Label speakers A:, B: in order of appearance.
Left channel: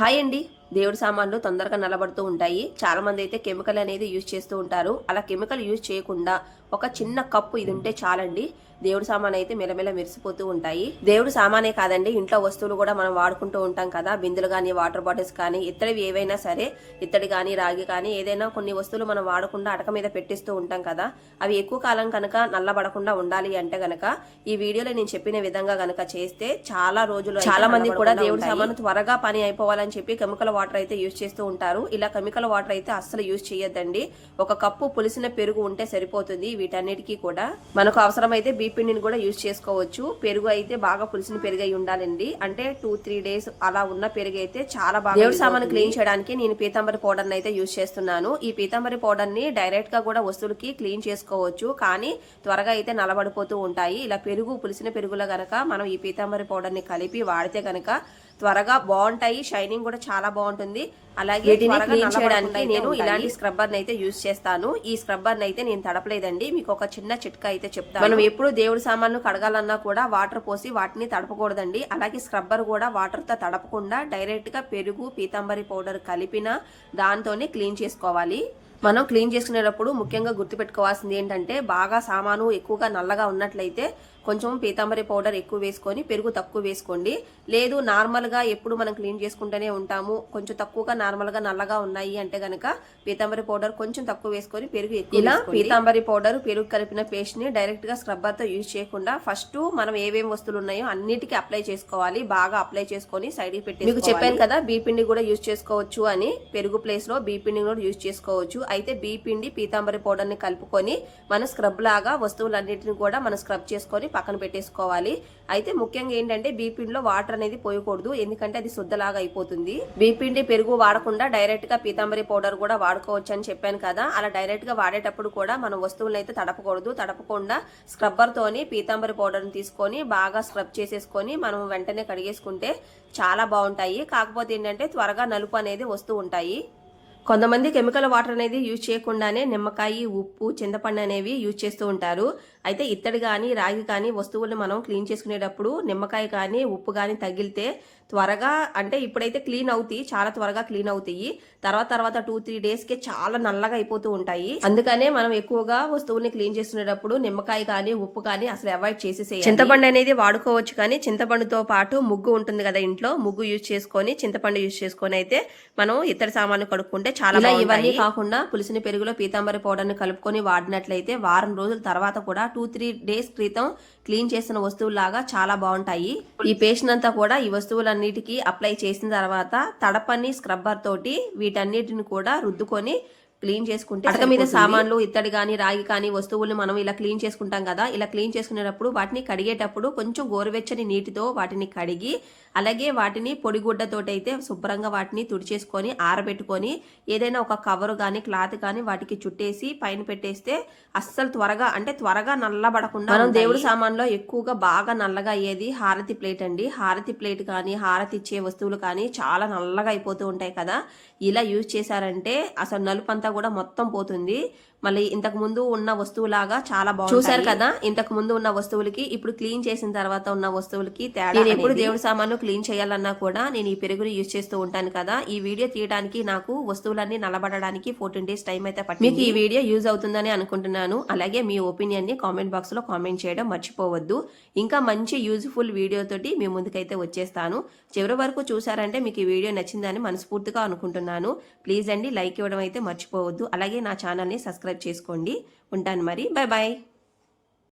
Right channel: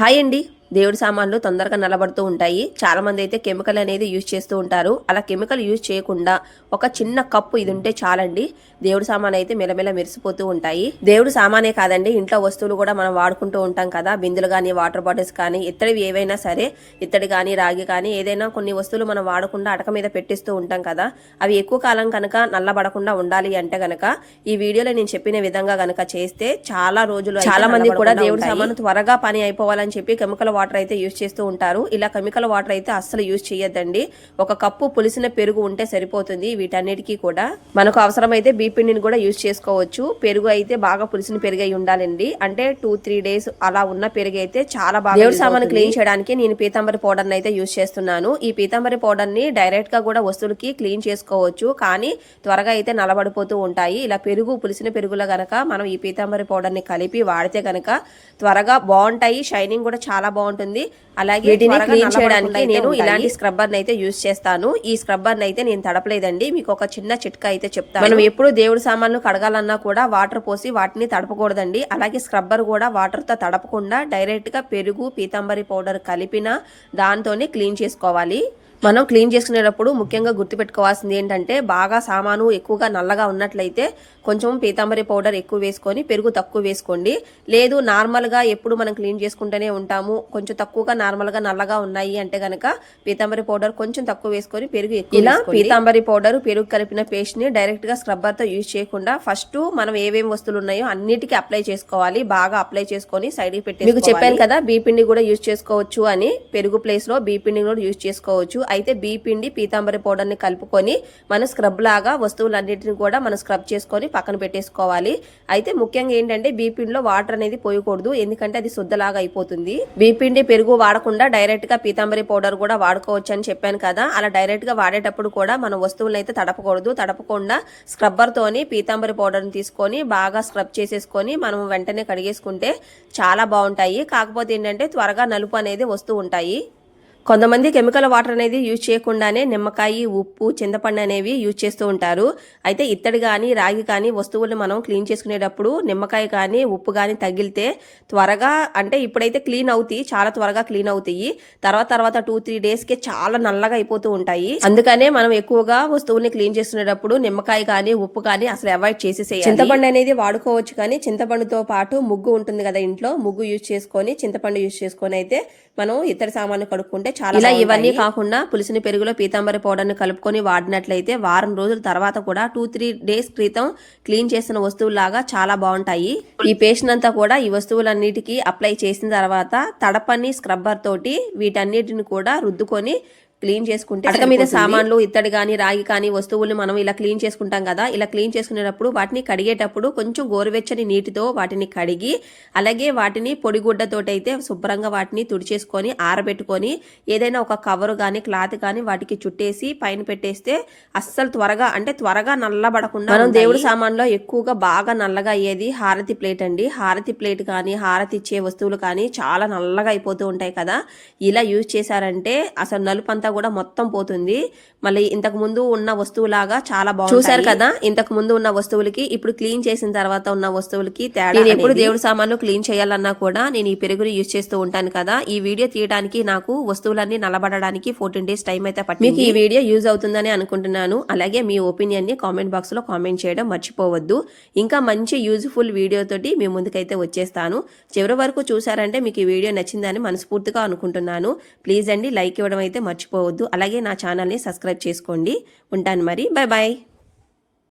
A: Hi అండి. దేవుడి సామాన్లు తొందరగా నలబడుతూ ఉంటాయి. చాలా మంది అయితే కెమికల్ అనేది యూజ్ చేస్తూ ఉంటారు. అలా కెమికల్ యూజ్ చేయకుండా ఒక చిన్న కప్పు ఇది ఉంటే చాలండి. దేవుడి సామాన్ అయితే మెలమెల మెరిసిపోతూ ఉంటాయి. దేవుడి సామానే కాదండి ఇంట్లో వస్తువులు కూడా మనం వాడుకుంటూ ఉంటాం కదా. బిందులు కానీ వాటర్ బాటిల్స్ కానీ ఇత్తడివి ఏవైనా సరే ఇత్తడి కానీ రాగి కానీ ఏదైనా కొన్ని వస్తువులు మనం వాడకుండా అటక మీద పెట్టిస్తూ ఉంటాం కదా. అవి ఎక్కువ కాలం కనుక నల్లబడకుండా ఉండాలి అంటే గనక ఈ వీడియోలో నేను చెప్పిన విధంగా గనక చేస్తే చాలా రోజులు చాలా మంది కూడా దేవుడి సామాను త్వరగా పని అయిపోవాలని చెప్పి కెమికల్ వాటర్ అయితే యూజ్ చేస్తూ ఉంటారు. ఇలా కెమికల్ వాటర్ అయితే అస్సలు యూజ్ చేయొద్దండి. ఒక కప్పు పులిసిన పెరుగు ఉంటే సరిపోతుంది వీటన్నిటికీ కూడా. మనకు అవసరమైతే బీ పిండిని కూడా యూజ్ చేసుకోవచ్చు. పెరుగు అయితే బాగా పులిసిన పెరుగు అయి ఉండాలండి. అంటే టూ త్రీ డేస్ అలా ఉన్న పెరుగు అయితే చాలా బాగా దేవుడి సామాను క్లీన్ చేయడానికి నేను పీతాంబరి పౌడర్ అయితే యూజ్ చేస్తున్నాను. ఈ పీతాంబరి పౌడర్ని డైరెక్ట్గా కూడా వస్తువులకి క్లీన్ చేసుకోవచ్చు. కానీ త్వరగా అయితే నలబడిపోతూ ఉంటాయి. ఇలా పెరుగు పులిసిన పెరుగులో గనక మనం ఈ పీతాంబరి పౌడర్ని కలిపి వాడితే గనక త్వరగా బాగుంటాయి. షైనింగ్ కూడా చాలా బాగుంటుంది. అలాగే వీటిని క్లీన్ చేయడానికి నేను ఇలాంటి స్క్రబ్బర్ అయితే యూజ్ చేస్తాను. ఈ స్క్రబ్బర్ అయితే నేను తడపలేదండి. మీకు ఒక చిన్న చిట్కా అయితే చెప్తాను. మనం ఎప్పుడు దేవుడి సామాన్లు కడగాలన్నా కూడా వాటర్ పోసి వాటిని తడపకూడదండి. అలాగే స్క్రబ్బర్ కూడా వాటర్తో తడపకుండా డైరెక్ట్గా పెరుగు పీతాంబరి పౌడర్ కలిపిన దాంతోనే క్లీన్ చేసుకోవాలి. మనం క్లీన్ చేసుకునేటప్పుడు ముఖ్యంగా గుర్తుపెట్టుకోవాల్సింది ఏంటంటే బాగా సామాను ఎక్కువగా నల్లగా ఉన్నట్లయితే కొంచెం పీతాంబరి పౌడర్ ఎక్కువ వేసుకొని పెరుగు తక్కువ వేసుకోండి. లేదు నార్మల్గా ఎప్పుడు మనం క్లీన్ చేసుకుంటూనే ఉంటాము. కొంచెం తక్కువగా నార్మల్గా నల్లగా ఉన్నాయి అంటే గనక పీతాంబరి పౌడర్ కొంచెం తక్కువ వేసుకొని పెరుగు ఎక్కువ ఇలా పీతాంబరి పౌడర్ పెరుగు కలిపిన పేస్ట్ని డైరెక్ట్గా స్క్రబ్బర్తో యూజ్ చేయకుండా ఫస్ట్ మనం ఏమేమి వస్తువులు ఉన్నాయో అన్నిటికీ అప్లై చేసుకోవాలి. బాగా అప్లై చేసుకొని సైడ్కి పెట్టి మీకు చెప్పాను కదా బీ పిండి కూడా యూజ్ చేసుకోవచ్చు అని. పెరుగు ప్లేస్లో బీ పిండి కూడా యూజ్ చేసుకోవచ్చు. అయితే బీ పిండి పీతాంబరి పౌడర్ని కలుపుకొని మనం స్క్రబ్ లాగా వస్తువులన్నింటిని కూడా మనం స్క్రబ్ చేసుకొని పక్కన పెట్టేసుకోవాలి. అయితే ముఖ్యంగా ఏంటంటే బీపిండిలో వాటర్ అనేది పోయకూడదు. ఎందుకంటే అది శుద్ధలాగా అయిపోతుంది. బీపిండి పెరుగు వాడకుండా డైరెక్ట్గా పీతాంబరి పౌడర్ కూడా వాడుకోవచ్చు అని చెప్పాను కదా. అలా డైరెక్ట్గా వాడేటప్పుడు కూడా మనం వస్తువులను అయితే తడపకూడదు. తడపకుండా స్క్రబ్బర్ తోని పీతాంబరి పౌడర్ తీసుకొని బాగా స్క్రబ్ చేసేసుకొని మనం వెంటనే కడిగేసుకుంటే చాలా బాగుంటాయి. కాకపోతే ఏంటంటే త్వరగా నలుపు అనేది వస్తూ ఉంటాయి. కొంతమంది కెమికల్ వాటర్ అనేది యూజ్ చేయకుండానే నిమ్మకాయ ఉప్పు చింతపండు అనేవి యూజ్ చేస్తూ ఉంటారు. అయితే ఇత్తడి కానీ రాగి కానీ వస్తువులను మనం క్లీన్ చేసుకునేటప్పుడు నిమ్మకాయ కానీ ఉప్పు కానీ తగిలితే త్వరగా అంటే ఇప్పుడైతే క్లీన్ అవుతాయి చాలా త్వరగా క్లీన్ అవుతాయి. తర్వాత తర్వాత టూ త్రీ డేస్కే చాలా నల్లగా అయిపోతూ ఉంటాయి. అందుకనే మనం ఎక్కువగా వస్తువుల్ని క్లీన్ చేసుకునేటప్పుడు నిమ్మకాయ కానీ ఉప్పు కానీ అసలు అవాయిడ్ చేసేసేయాలి. చింతపండు అనేది వాడుకోవచ్చు కానీ చింతపండుతో పాటు ముగ్గు ఉంటుంది కదా ఇంట్లో ముగ్గు యూజ్ చేసుకొని చింతపండు యూజ్ చేసుకొని అయితే మనం ఇతర సామాన్లు కడుక్కుంటే చాలా ఇలా ఇవన్నీ కాకుండా పులిసిన పెరుగులో పీతాంబరి పౌడర్ని కలుపుకొని వాడినట్లయితే వారం రోజుల తర్వాత కూడా టూ త్రీ డేస్ క్రితం క్లీన్ చేసిన వస్తువులాగా చాలా బాగుంటాయి. ఈ పేస్ట్ అంతా కూడా ఈ వస్తువులన్నిటికీ అప్లై చేసిన తర్వాత తడపని స్క్రబ్బర్ తోటి వీటన్నిటిని కూడా రుద్దుకొని క్లీన్ చేసుకుంటే అటక మీద సామాన్లు ఇత్తడి కానీ రాగి కానీ వస్తువులు మనం ఇలా క్లీన్ చేసుకుంటాం కదా ఇలా క్లీన్ చేసుకునేటప్పుడు వాటిని కడిగేటప్పుడు కొంచెం గోరువెచ్చని నీటితో వాటిని కడిగి అలాగే వాటిని పొడిగుడ్డతోటి అయితే శుభ్రంగా వాటిని తుడిచేసుకొని ఆరబెట్టుకొని ఏదైనా ఒక కవర్ కానీ క్లాత్ కానీ వాటికి చుట్టేసి పైన పెట్టేస్తే అస్సలు త్వరగా అంటే త్వరగా నల్లబడకుండా మనం దేవుడి సామాన్లో ఎక్కువగా బాగా నల్లగా అయ్యేది హారతి ప్లేట్ అండి. హారతి ప్లేట్ కానీ హారతి ఇచ్చే వస్తువులు కానీ చాలా నల్లగా అయిపోతూ ఉంటాయి కదా. ఇలా యూజ్ చేశారంటే అసలు నలుపు అంతా కూడా మొత్తం పోతుంది. మళ్ళీ ఇంతకు ముందు ఉన్న వస్తువులాగా చాలా బాగుంది చూసారు కదా? ఇంతకు ముందు ఉన్న వస్తువులకి ఇప్పుడు క్లీన్ చేసిన తర్వాత ఉన్న వస్తువులకి తేడా నేను ఎప్పుడు దేవుడి సామాన్లు క్లీన్ చేయాలన్నా కూడా నేను ఈ పెరుగుని యూజ్ చేస్తూ ఉంటాను కదా. ఈ వీడియో తీయడానికి నాకు వస్తువులన్నీ నలబడడానికి ఫోర్టీన్ డేస్ టైం అయితే పట్టింది. మీకు ఈ వీడియో యూజ్ అవుతుందని అనుకుంటున్నాను. అలాగే మీ ఒపీనియన్ని కామెంట్ బాక్స్లో కామెంట్ చేయడం మర్చిపోవద్దు. ఇంకా మంచి యూజ్ఫుల్ వీడియో తోటి మీ ముందుకైతే వచ్చేస్తాను. చివరి వరకు చూసారంటే మీకు ఈ వీడియో నచ్చిందని మనస్ఫూర్తిగా అనుకుంటున్నాను. ప్లీజ్ అండి లైక్ ఇవ్వడం అయితే మర్చిపోవద్దు. అలాగే నా ఛానల్ని సబ్స్క్రైబ్ చేసుకోండి. ఉంటాను మరి. Bye bye